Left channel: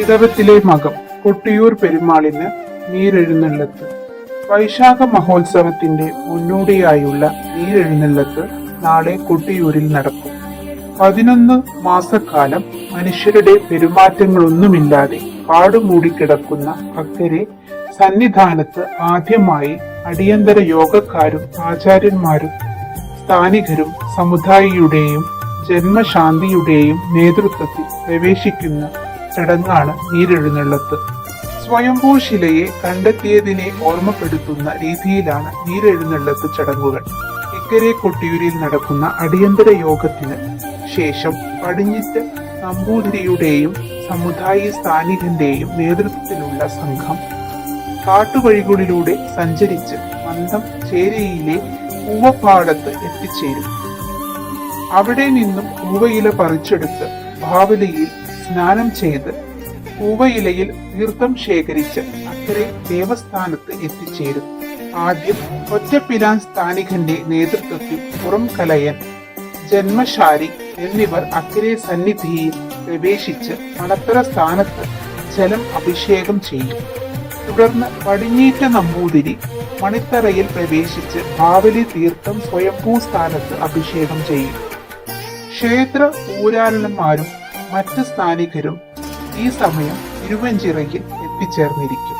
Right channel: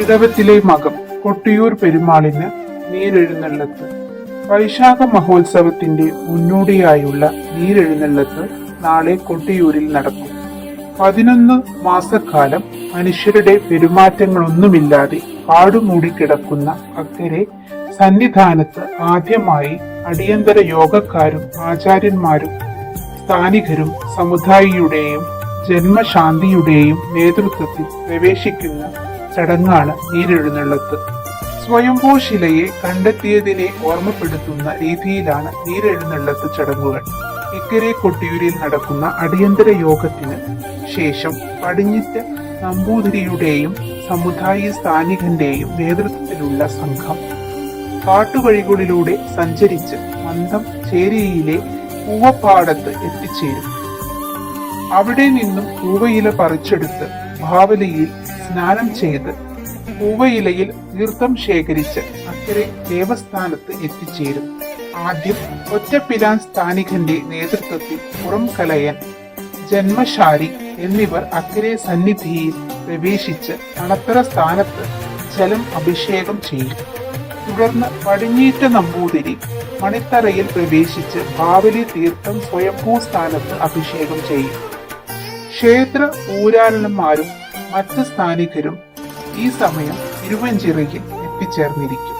ഇടവത്തിലെ മകം കൊട്ടിയൂർ പെരുമാളിന് നീരെഴുന്നള്ളത്ത്. വൈശാഖ മഹോത്സവത്തിന്റെ മുന്നോടിയായുള്ള നീരെഴുന്നള്ളത്ത് നാളെ കൊട്ടിയൂരിൽ നടക്കും. പതിനൊന്ന് മാസക്കാലം മനുഷ്യരുടെ പെരുമാറ്റങ്ങളൊന്നുമില്ലാതെ പാടുമൂടിക്കിടക്കുന്ന അക്കരെ സന്നിധാനത്ത് ആദ്യമായി അടിയന്തര യോഗക്കാരും ആചാര്യന്മാരും സ്ഥാനികരും സമുദായിയുടെയും ജന്മശാന്തിയുടെയും നേതൃത്വത്തിൽ പ്രവേശിക്കുന്ന ചടങ്ങാണ് നീരെഴുന്നള്ളത്ത്. സ്വയംഭൂ ശിലയെ കണ്ടെത്തിയതിനെ ഓർമ്മപ്പെടുത്തുന്ന രീതിയിലാണ് നീരെഴുന്നള്ളത്ത് ചടങ്ങുകൾ. ഇക്കരെ കൊട്ടിയൂരിൽ നടക്കുന്ന അടിയന്തര യോഗത്തിന് ശേഷം പടിഞ്ഞിറ്റ് നമ്പൂതിരിയുടെയും സമുദായ സ്ഥാനികന്റെയും നേതൃത്വത്തിലുള്ള സംഘം കാട്ടുവഴികളിലൂടെ സഞ്ചരിച്ച് മന്ദം ചേരിയിലെ പൂവപ്പാടത്ത് എത്തിച്ചേരും അവിടെ നിന്നും പൂവയില പറിച്ചെടുത്ത് ഭാവലയിൽ സ്നാനം ചെയ്ത് പൂവയിലയിൽ തീർത്ഥം ശേഖരിച്ച് അക്കരെ ദേവസ്ഥാനത്ത് എത്തിച്ചേരും. ആദ്യം ഒറ്റപ്പിലാൻ സ്ഥാനികന്റെ നേതൃത്വത്തിൽ പുറം കലയൻ ജന്മശാരി എന്നിവർ അക്കരെ സന്നിധിയിൽ പ്രവേശിച്ച് അണത്തറ സ്ഥാനത്ത് ജലം അഭിഷേകം ചെയ്യും. തുടർന്ന് പടിഞ്ഞീറ്റ നമ്പൂതിരി മണിത്തറയിൽ പ്രവേശിച്ച് ഭാവലി തീർത്ഥം സ്വയംഭൂ സ്ഥാനത്ത് അഭിഷേകം ചെയ്യും. ക്ഷേത്ര ഊരാളന്മാരും മറ്റ് സ്ഥാനികരും ഈ സമയം തിരുവഞ്ചിറയിൽ എത്തിച്ചേർന്നിരിക്കും.